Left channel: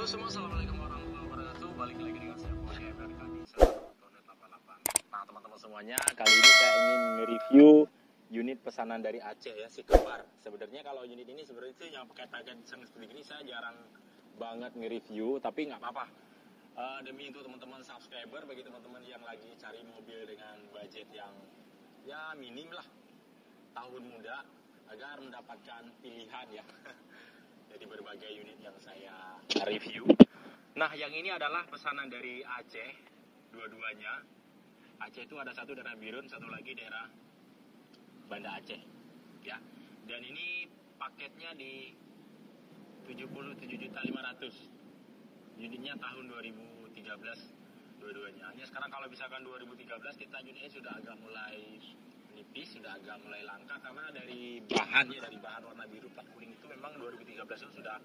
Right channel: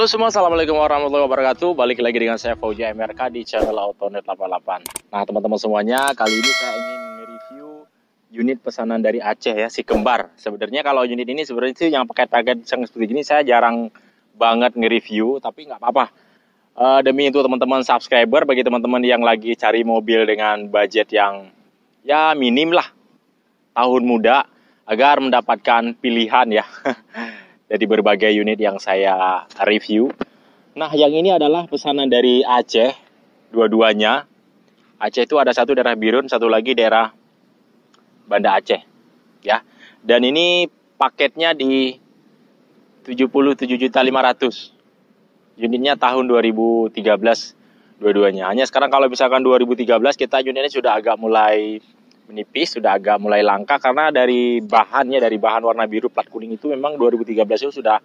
Halo semua, assalamualaikum warahmatullahi wabarakatuh. Balik lagi dengan saya Fauzi MRK di channel Autonet 88. Nah teman-teman semuanya, kali ini saya ingin nge-review unit pesanan dari Aceh ya, si kembar. Sebenarnya kalau unit ini sebenarnya sih yang paket-paket seperti ini saya jarang banget nge-review, tapi nggak apa-apa. Demi untuk teman-teman subscriber, bagi teman-teman yang lagi cari mobil dengan budget yang ya minim lah, tahun muda, agar mendapatkan pilihan ya. Dari berbagai unit yang saya review. Nah, yang ini adalah pesanan dari Aceh, dua-duanya. Aceh itu ada satu daerah Birun, satu lagi daerah Banda Aceh, ya. Dan ini paketnya di 77.500.000. Unitnya tahun 2013 dua-duanya. Hanya sekarang kalau misalkan 2013 kita unitnya sudah agak mulai menipis, sudah agak mulai langka karena dari bahan warna biru plat kuning itu memang 2013 itu sudah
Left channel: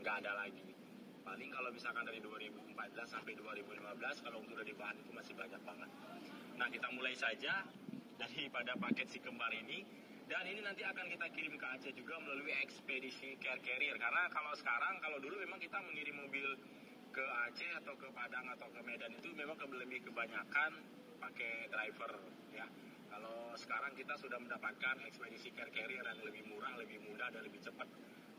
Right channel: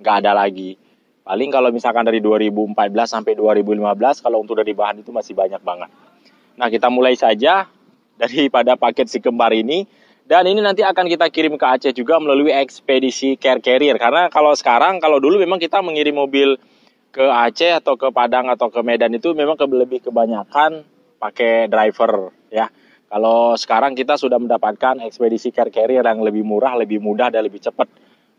nggak ada lagi. Paling kalau misalkan dari 2014 sampai 2015 kalau untuk dari bahan itu masih banyak banget. Nah kita mulai saja daripada paket si kembar ini, dan ini nanti akan kita kirim ke Aceh juga melalui ekspedisi car carrier. Karena kalau sekarang, kalau dulu memang kita mengirim mobil ke Aceh atau ke Padang atau ke Medan itu memang lebih kebanyakan pakai driver ya. Kalau sekarang kita sudah mendapatkan ekspedisi car carrier yang lebih murah, lebih mudah, dan lebih cepat.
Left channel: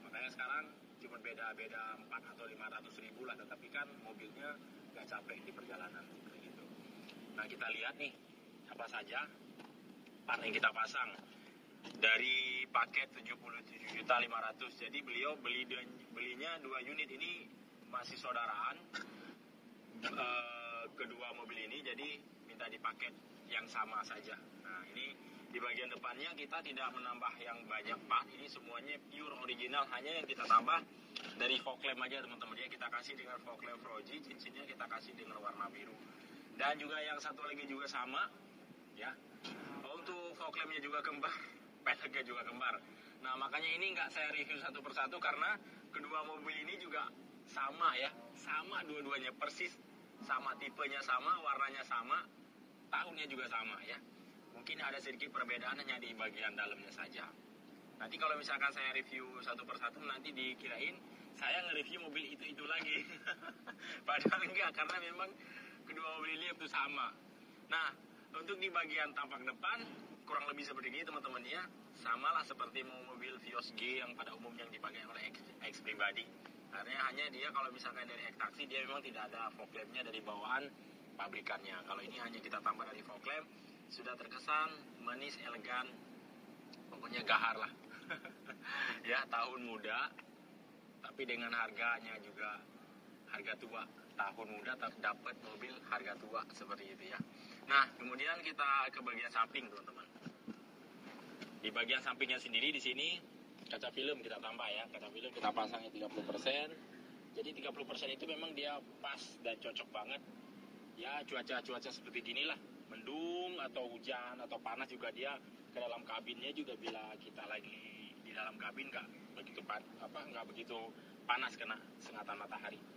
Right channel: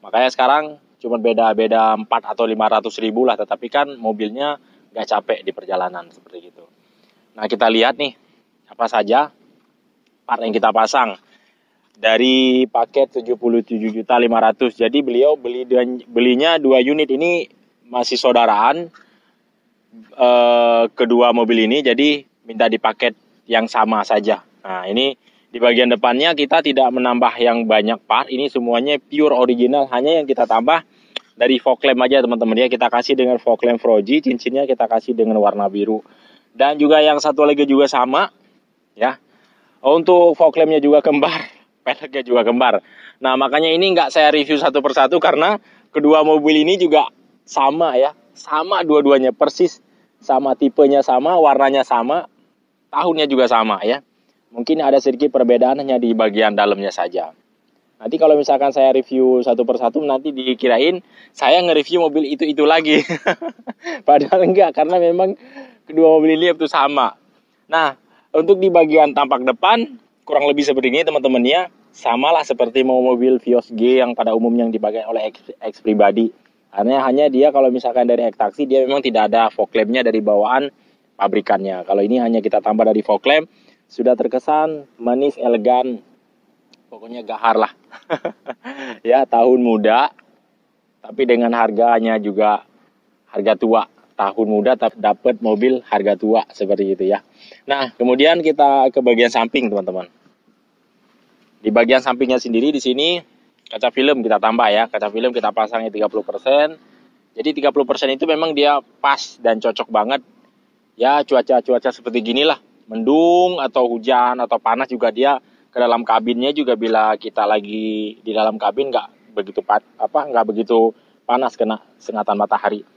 Makanya sekarang cuma beda 4 atau 500 ribu lah, tetapi kan mobilnya nggak capek di perjalanan seperti itu. Nah kita lihat nih, apa saja part yang kita pasang. Dari paket 77.500.000. Jadi beliau belinya 2 unit ini masih saudaraan. Kedua mobil ini, jadi minta di paket yang sama saja. Nah ini di bagian depannya kita tidak menambah yang banyak part, ini semuanya pure original, hanya yang kita tambah dari fog lamp aja teman-teman ya. Kita kasih dengan fog lamp Fuji, cincinnya kita kasih dengan warna biru. Dan juga yang satu lagi juga sama ya. Untuk fog lampnya juga kembar, peleknya juga kembar. Nah makanya ini nggak saya review satu persatu karena kedua mobil ini juga sama ya, sama dua-duanya persis, sama tipenya sama, warnanya sama, tahunnya juga sama ya. Mungkin ada sedikit perbedaan hanya di bagian dalamnya saja. Nanti kalau misalkan saya review satu persatu nanti dikirain saya nge-review mobil itu lagi. Padahal enggak, karena memang kedua mobil ini itu sama. Nah, untuk di bagian tampak depan kurang lebih seperti ini teman-teman ya. Samalah seperti mobil Vios G yang pada umumnya yang dipakai oleh X pribadi. Hanya dia kalau misalkan dari X taksi dia memang tidak ada fog lampnya dari bawaan pabrikannya. Kalau ini hanya kita tambah dari fog lamp, sudah terkesan manis, elegan, pokoknya gahar lah. Ya, tahun muda, tapi dengan harganya juga harga tua. Tahun muda tapi dapat mobil harga tua, seperti itu ya. Nah, kemudian kita ke bagian samping teman-teman. Di bagian sampingnya sendiri di sini kaca film kita tambah ya. Kaca film kita pasangnya 30%. Jadi 30% itu memang dia pas dan cocok banget. Ya, cuaca seperti gini lah. Mendung atau hujan atau panas juga dia ke dalam kabinnya juga, bila kita lagi di dalam kabin nggak begitu panas kena sengatan matahari.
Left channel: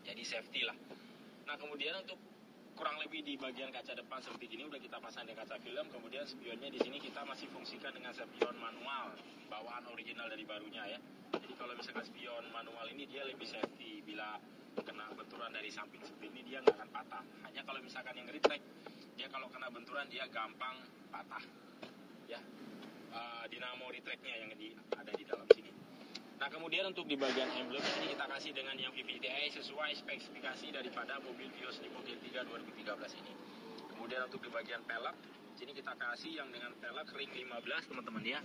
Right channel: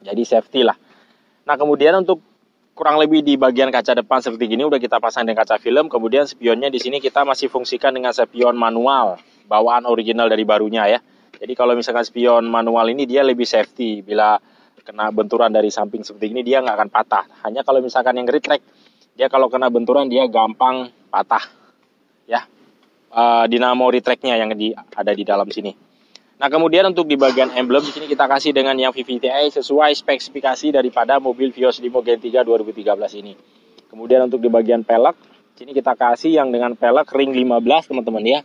Jadi safety lah. Nah kemudian untuk kurang lebih di bagian kaca depan seperti gini udah kita pasang dengan kaca film. Kemudian spionnya di sini kita masih fungsikan dengan spion manual bawaan original dari barunya ya. Jadi kalau misalkan spion manual ini dia lebih safety, bila kena benturan dari samping seperti ini dia nggak akan patah. Hanya kalau misalkan yang retract, dia kalau kena benturan dia gampang patah ya. Dinamo retractnya yang ada di dalam sini. Nah kemudian untuk di bagian emblem di sini kita kasih dengan yang VVTi sesuai spesifikasi daripada mobil Vios Limo Gen 3 2013 ini. Kemudian untuk di bagian pelek sini kita kasih yang dengan pelek ring 15 teman-teman ya.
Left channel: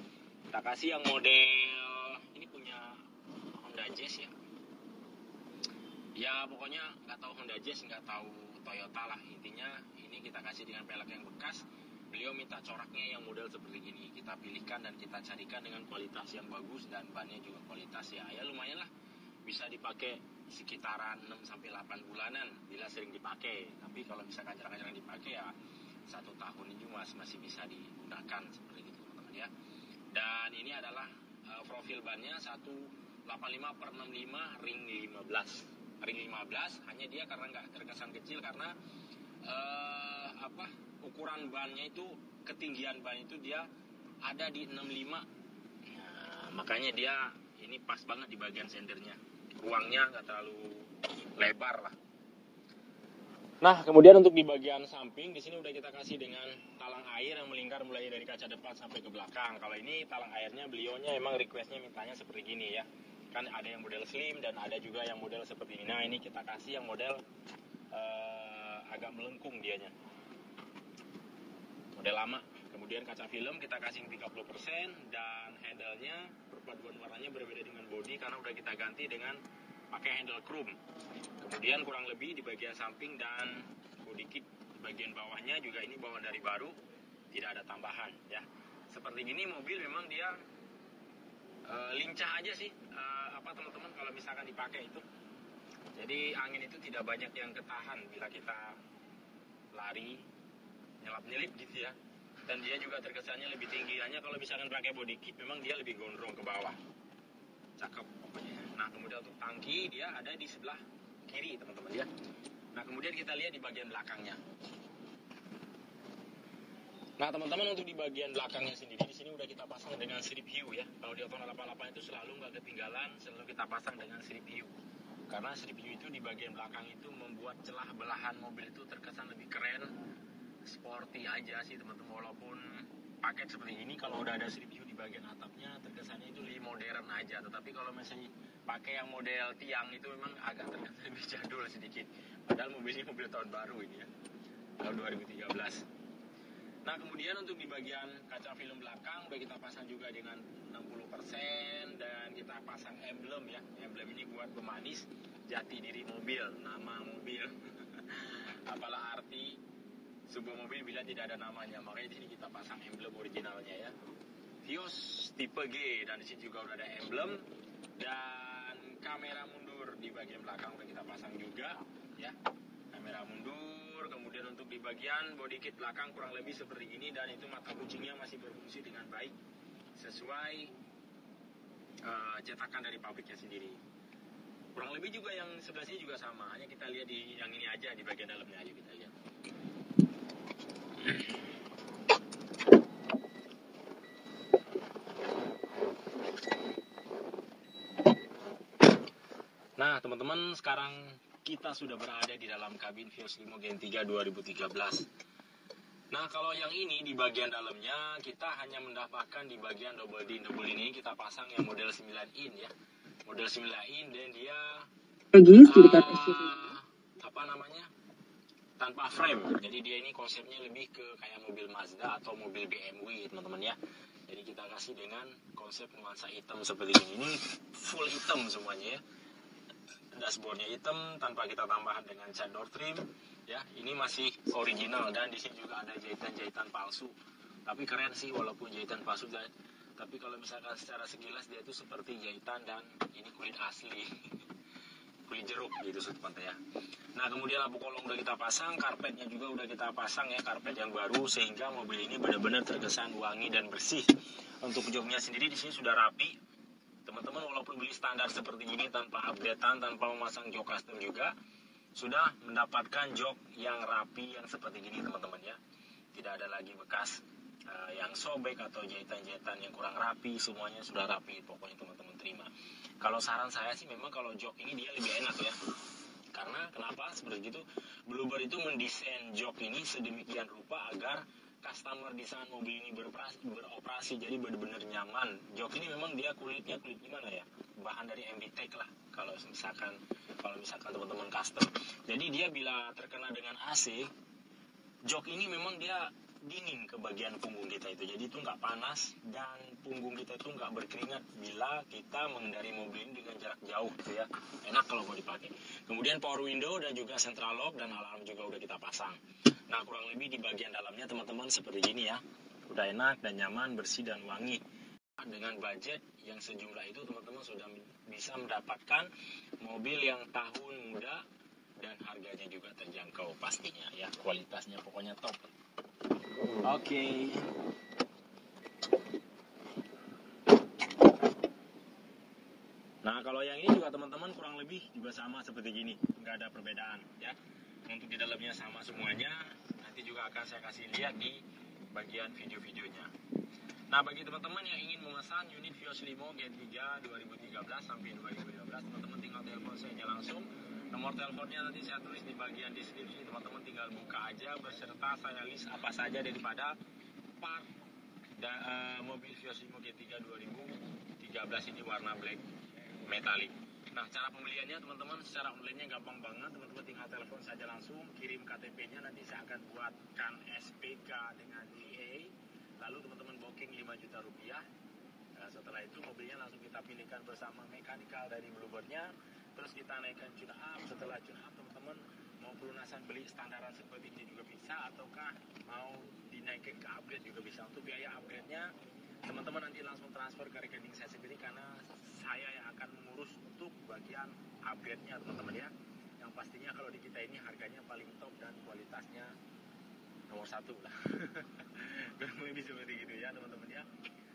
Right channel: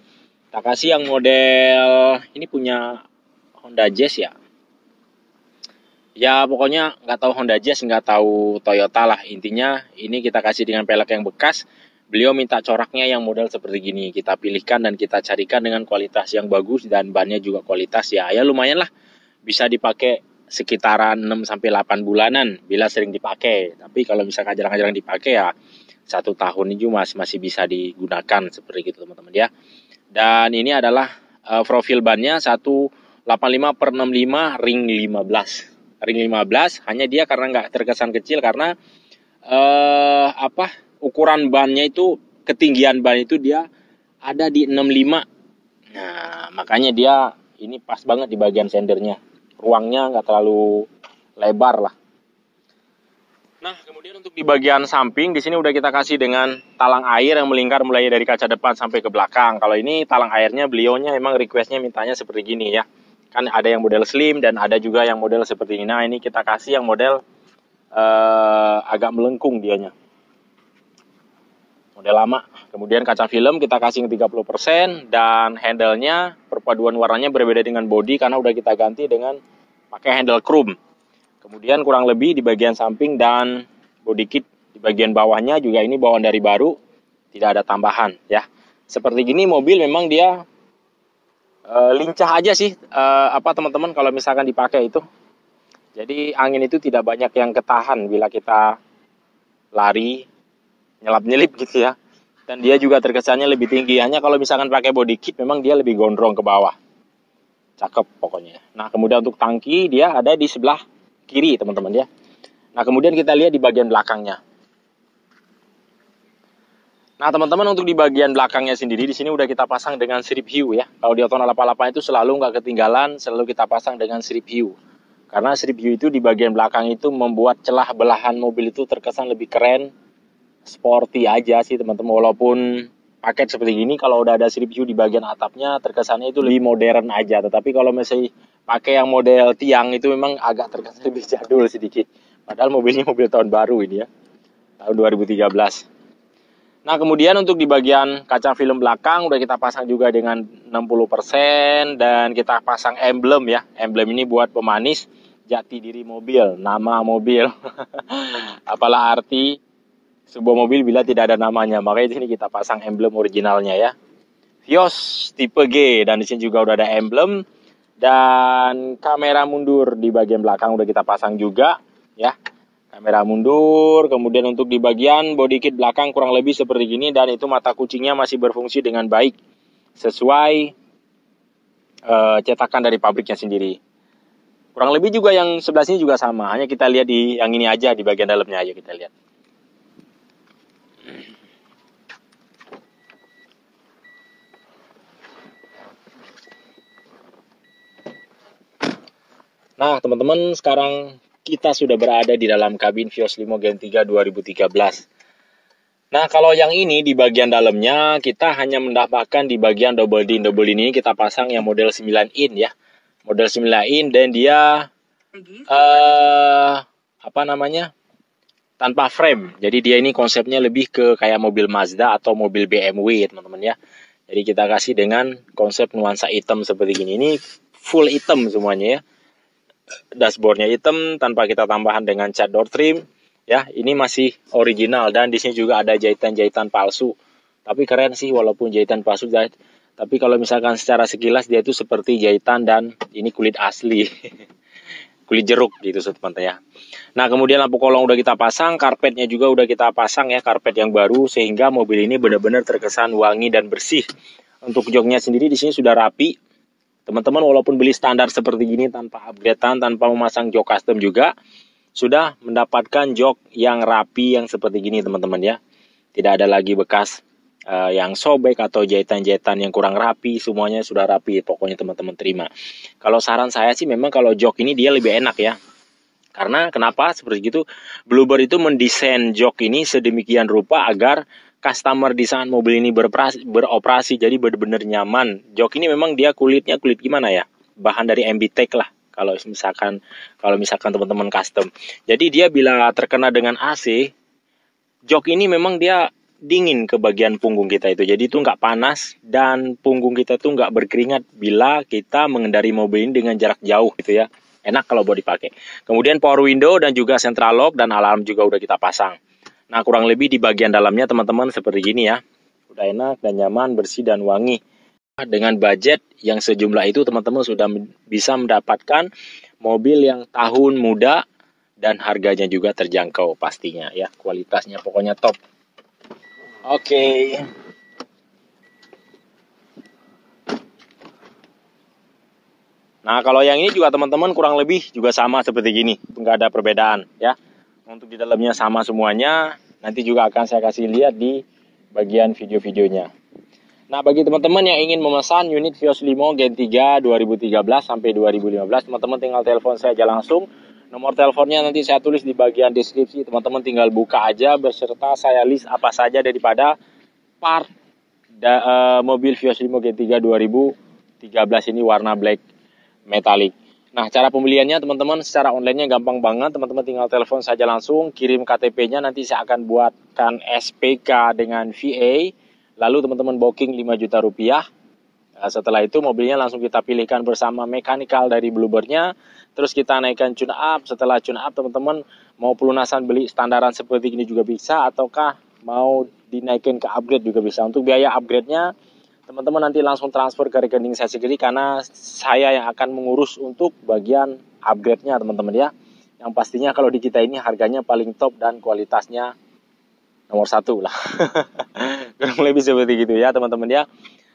Kita kasih yang model ini punya Honda Jazz ya. Ya pokoknya nggak tahu Honda Jazz, nggak tahu Toyota lah. Intinya ini kita kasih dengan pelek yang bekas. Beliau minta coraknya yang model seperti gini. Kita pilihkan dan kita carikan dengan kualitas yang bagus dan bannya juga kualitas ya. Ya lumayan lah. Bisa dipakai sekitaran 6-8 bulanan bila sering dipakai. Tapi kalau misalkan jarang-jarang dipakai ya 1 tahun ini masih bisa digunakan seperti itu teman-teman ya. Dan ini adalah profil bannya 185/65 ring 15. Ring 15 hanya dia karena nggak terkesan kecil karena ukuran bannya itu, ketinggian ban itu dia ada di 65. Nah makanya dia ini pas banget di bagian sendernya. ruangnya nggak terlalu lebar lah. Nah, kemudian untuk di bagian samping di sini udah kita kasih dengan talang air yang melingkar mulai dari kaca depan sampai ke belakang. Kalau ini talang airnya beliaunya emang requestnya mintanya seperti gini ya. Kan ada yang model slim dan ada juga yang model seperti ini. Nah, ini kita kasih yang model agak melengkung dianya. Model lama. Kemudian kaca film kita kasih 30% dan handle-nya perpaduan warnanya berbeda dengan body karena udah kita ganti dengan pakai handle chrome. Kemudian kurang lebih di bagian samping dan body kit di bagian bawahnya juga ini bawaan dari baru, tidak ada tambahan ya. Seperti gini mobil memang dia lincah aja sih teman-teman kalau misalkan dipakai itu. Jadi angin itu tidak banyak yang ketahan bila kita lari nyelap-nyelip gitu ya. Dan dia juga terkesannya lebih tinggi. Hanya kalau misalkan pakai body kit memang dia lebih gondrong ke bawah. Cakep pokoknya. Nah, kemudian untuk tangki dia ada di sebelah kiri teman-teman ya. Nah, kemudian kita lihat di bagian belakangnya. Nah, teman-teman untuk di bagian belakangnya sendiri di sini udah kita pasang dengan strip hiu ya. Kalau di Otono 88 itu selalu nggak ketinggalan, selalu kita pasang dengan strip hiu. Karena strip hiu itu di bagian belakang itu membuat celah belahan mobil itu terkesan lebih keren, sporty aja sih teman-teman. Walaupun paket seperti gini kalau udah ada strip hiu di bagian atapnya terkesannya itu lebih modern aja. Tetapi kalau masih pakai yang model tiang itu memang agak terkesan lebih jadul sedikit. Padahal mobilnya mobil tahun baru ini ya, tahun 2013. Nah, kemudian untuk di bagian kaca film belakang udah kita pasang juga dengan 60% dan kita pasang emblem ya. Emblem ini buat pemanis jati diri mobil, nama mobil. Apalah arti sebuah mobil bila tidak ada namanya. Makanya di sini kita pasang emblem originalnya ya. Vios tipe G dan di sini juga udah ada emblem. Dan kamera mundur di bagian belakang udah kita pasang juga ya. Kamera mundur, kemudian untuk di bagian body kit belakang kurang lebih seperti gini. Dan itu mata kucingnya masih berfungsi dengan baik sesuai cetakan dari pabriknya sendiri. Kurang lebih juga yang sebelah sini juga sama. Hanya kita lihat di yang ini aja, di bagian dalamnya aja kita lihat. Nah, teman-teman, sekarang kita sudah berada di dalam kabin Vios Limo Gen 3 2013. Nah, kalau yang ini di bagian dalamnya kita hanya mendapatkan di bagian double din. Double din ini kita pasang yang model 9 in ya. Model 9 in dan dia tanpa frame. Jadi dia ini konsepnya lebih ke kayak mobil Mazda atau mobil BMW teman-teman ya. Jadi kita kasih dengan konsep nuansa hitam seperti gini. Ini full hitam semuanya ya. Dashboardnya hitam tanpa kita tambahan dengan cat door trim ya. Ini masih original dan di sini juga ada jahitan-jahitan palsu. Tapi keren sih walaupun jahitan palsu. Tapi kalau misalkan secara sekilas dia itu seperti jahitan dan ini kulit asli. Kulit jeruk gitu teman-teman ya. Nah, kemudian lampu kolong udah kita pasang, karpetnya juga udah kita pasang ya, karpet yang baru sehingga mobil ini benar-benar terkesan wangi dan bersih. Untuk joknya sendiri di sini sudah rapi. Teman-teman walaupun beli standar seperti gini tanpa updatean, tanpa memasang jok custom juga sudah mendapatkan jok yang rapi yang seperti gini teman-teman ya. Tidak ada lagi bekas yang sobek atau jahitan-jahitan yang kurang rapi, semuanya sudah rapi. Pokoknya teman-teman terima. Kalau saran saya sih memang kalau jok ini dia lebih enak ya. Karena kenapa seperti itu? Bluebird itu mendesain jok ini sedemikian rupa agar customer di saat mobil ini beroperasi jadi benar-benar nyaman. Jok ini memang dia kulitnya kulit gimana ya? Bahan dari MBTEK lah. Kalau misalkan teman-teman custom. Jadi dia bila terkena dengan AC, jok ini memang dia dingin ke bagian punggung kita itu. Jadi itu nggak panas dan punggung kita tuh nggak berkeringat bila kita mengendari mobil ini dengan jarak jauh gitu ya. Enak kalau buat dipakai. Kemudian power window dan juga central lock dan alarm juga udah kita pasang. Nah, kurang lebih di bagian dalamnya teman-teman seperti gini ya. Udah enak dan nyaman, bersih dan wangi. Dengan budget yang sejumlah itu teman-teman sudah bisa mendapatkan mobil yang tahun muda dan harganya juga terjangkau pastinya ya. Kualitasnya pokoknya top. Oke. Nah, kalau yang ini juga teman-teman kurang lebih juga sama seperti gini. Nggak ada perbedaan ya. Untuk di dalamnya sama semuanya. Nanti juga akan saya kasih lihat di bagian video-videonya. Nah, bagi teman-teman yang ingin memesan unit Vios Limo Gen 3 2013 sampai 2015, teman-teman tinggal telepon saya aja langsung. Nomor teleponnya nanti saya tulis di bagian deskripsi. Teman-teman tinggal buka aja beserta saya list apa saja daripada part mobil Vios Limo Gen 3 2013 ini warna black metallic. Nah, cara pembeliannya teman-teman secara online-nya gampang banget. Teman-teman tinggal telepon saja langsung, kirim KTP-nya, nanti saya akan buatkan SPK dengan VA. Lalu teman-teman booking 5 juta rupiah. Nah, setelah itu mobilnya langsung kita pilihkan bersama mekanikal dari Bluebird-nya. Terus kita naikkan tune up. Setelah tune up teman-teman mau pelunasan beli standaran seperti ini juga bisa. Ataukah mau dinaikin ke upgrade juga bisa. Untuk biaya upgrade-nya teman-teman nanti langsung transfer ke rekening saya sendiri. Karena saya yang akan mengurus untuk bagian upgrade-nya teman-teman ya. Yang pastinya kalau di kita ini harganya paling top dan kualitasnya nomor 1 lah. Kurang lebih seperti gitu ya teman-teman ya.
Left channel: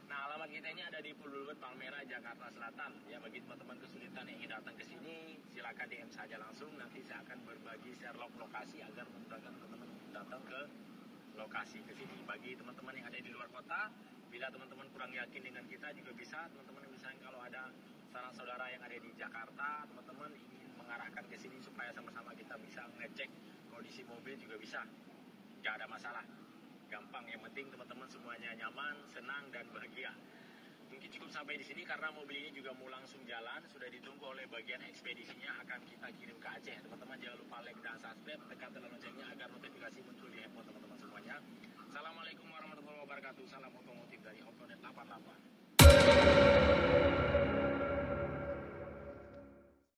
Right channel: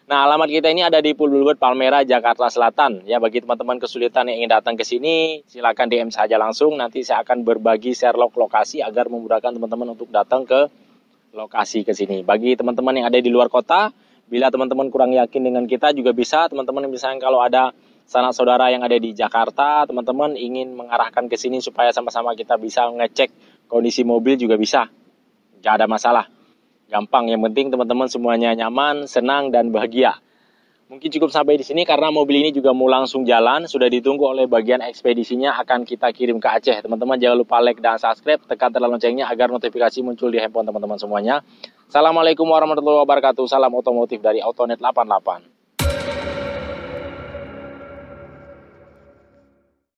Nah, alamat kita ini ada di Bluebird Palmera, Jakarta Selatan. Ya, bagi teman-teman kesulitan yang ingin datang ke sini, silakan DM saja langsung. Nanti saya akan berbagi share lokasi agar memudahkan teman-teman untuk datang ke lokasi ke sini. Bagi teman-teman yang ada di luar kota, bila teman-teman kurang yakin dengan kita juga bisa. Teman-teman misalnya kalau ada sanak saudara yang ada di Jakarta, teman-teman ingin mengarahkan ke sini supaya sama-sama kita bisa ngecek kondisi mobil juga bisa. Nggak ada masalah. Gampang, yang penting teman-teman semuanya nyaman, senang, dan bahagia. Mungkin cukup sampai di sini karena mobil ini juga mau langsung jalan. Sudah ditunggu oleh bagian ekspedisinya, akan kita kirim ke Aceh. Teman-teman jangan lupa like dan subscribe, tekan tanda loncengnya agar notifikasi muncul di handphone teman-teman semuanya. Assalamualaikum warahmatullahi wabarakatuh. Salam otomotif dari Autonet 88.